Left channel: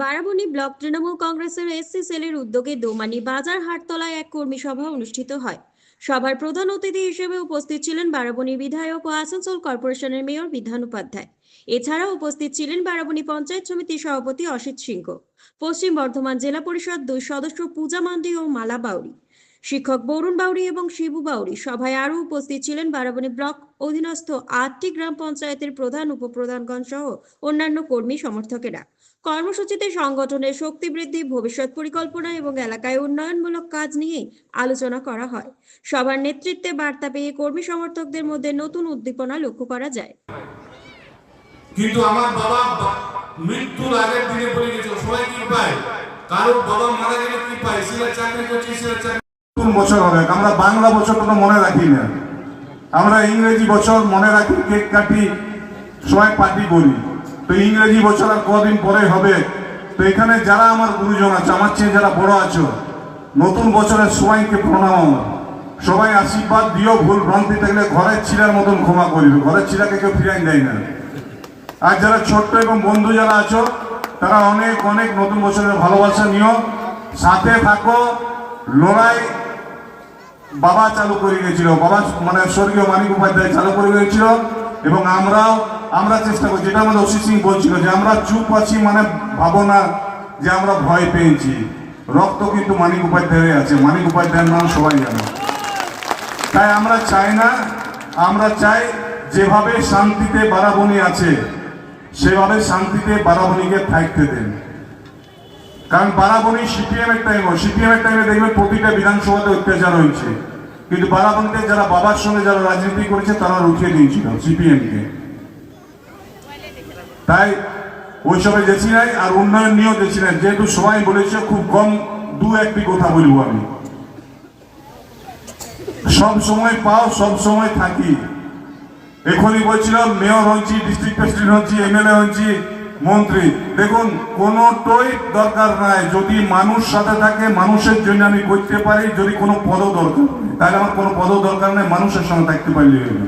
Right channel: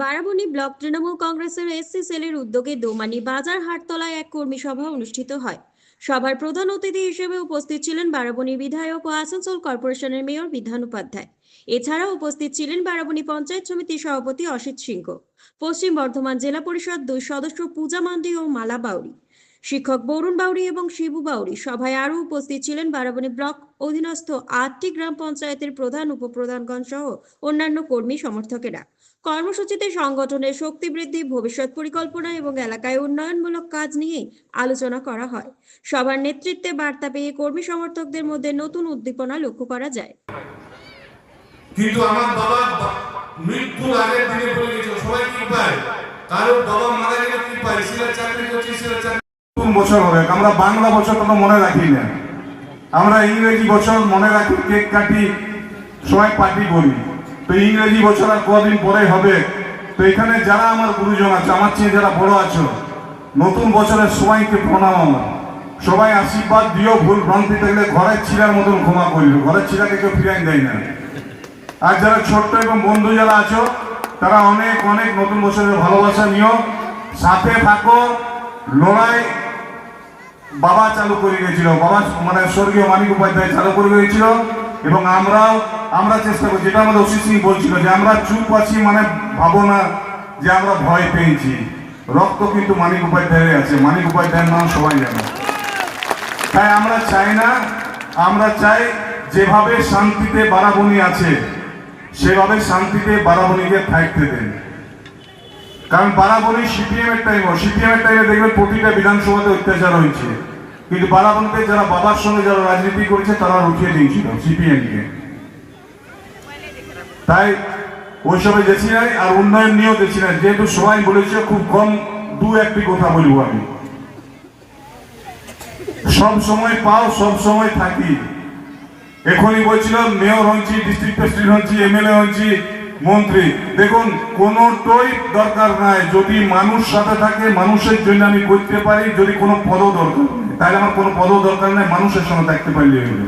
Barabani block Trinamool কংগ্রেসের SC সেলের উদ্যোগে দোমানি বাজার হাটতলায় এক কর্মী সভা অনুষ্ঠিত হয়। সভার প্রধান অতিথি হিসেবে উপস্থিত ছিলেন বারাবণী বিধায়ক ও আসানসোল কর্পোরেশনের মেয়র বিধান উপাধ্যায়। এছাড়াও উপস্থিত ছিলেন বারাবণী পঞ্চায়েত সমিতির সভাপতি অসিত সিংহ, পশ্চিম বর্ধমান জেলা পরিষদ 2 সদস্য পূজা মান্ডি ও মালা বাউরি, শিক্ষক বরুণ বাউরি এবং শিবু বাউরি। সভায় আরও উপস্থিত ছিলেন বারাবণী ব্লক অধীনস্থ 8টি গ্রাম পঞ্চায়েতের প্রধান উপপ্রধানগণ সহ অন্যান্য কর্মী সমর্থকেরা। কর্মসূচিতে সংগঠনের শক্তি বৃদ্ধি, ভবিষ্যৎ পরিকল্পনা এবং এলাকায় উন্নয়নমূলক কাজ নিয়ে আলোচনা করা হয়। সবার নেতৃত্বে বার্তা পেয়ে কর্মী সমর্থকদের মধ্যে নতুন উদ্দীপনা লক্ষ্য করা যায়। কিন্তু আমার বাবা মৃত্যুর আগের দিনে বলে গেছিল সবাই কি পায়, কারো বাবা মারা গেলে কি পায়, সিলেট চাকরি করছে সিলেট চাকরি। নতুন বছর হবে, আমরা বাংলা বছর কোনো মনে রাখি না, আমরা ইংরেজি বছর মনে রাখি, কেক কাটি, সবাই পার্টি করি। তো ইংরেজি বছর আর কদিন পরে হবে। তো এখানে যারা আমার গুরুজন আছে, আমার চেয়ে যারা বড় আছো, নতুন বছরের সবাইকে প্রণাম, সবাই আশীর্বাদ দিও। ভুল ভ্রান্তি থাকলে ঘরের ছিলার মতন ক্ষমা করিব, ঘরের ছিলাকে কেউ ফিরাই দেয় না। আর যারা ছোট্ট এবং বন্ধু যারা আছো, তারা অনেক অনেক নতুন বছরের ভালোবাসা নিও, সাথে থাকো। লড়াই বাবা চালু করে গিয়েছিল, বাবা মানে স্বর্গীয় মানিক উপাধ্যায় চালু করে গিয়েছিল, এবং আমরা চেষ্টা করছি। যেটা আমাদের অসিত সিং বলছিল যে আমরা চুপ আছি, মানে ভাবো না যে আমরা ভয় পেয়েছি। রক্ত কিন্তু মানিক উপাধ্যায়ের আছে, মানিক উপাধ্যায়ের নাম সবাই জানে। তাই আমরা চাই না, আমরা চাই যেভাবে শান্তিতে বারাবণী আছে সেভাবে শান্তিতে বারাবণীকে থাকতে দেন। কারণ বারাবণী সিপিএম এর টাইমে দেখবেন প্রতিটা বিধানসভাতে অত্যাচার হয়েছে, কিন্তু বারাবণীতে যারা বাবার সঙ্গে যারা রাজনীতি করেছে তারা উঠিয়ে দিয়েছিল সিপিএম কে। তাই ওইসবে গেছি নাই, আর উন্নয়ন নিয়েও গেছি নাই। যেহেতু সবাই বলেছে, খুব কম 2-1টি কথা বলবো আমি। সব সময় পাও, সব সময় থাকি। এখনই বলছিলাম মেয়র হচ্ছি, ডিস্ট্রিক্ট প্রেসিডেন্ট হচ্ছি, এমএলএ হচ্ছি, মন্ত্রী। দেখুন কোনোটাই দরকার নাই, যদি মানুষ সাথে থাকে, মানুষের জন্য আমি করতে পারি। যদি কোনো পদও দরকার, তাহলে আমার কোনো পদও দরকার নেই, মানুষের সঙ্গে থাকতে পারলে হলো।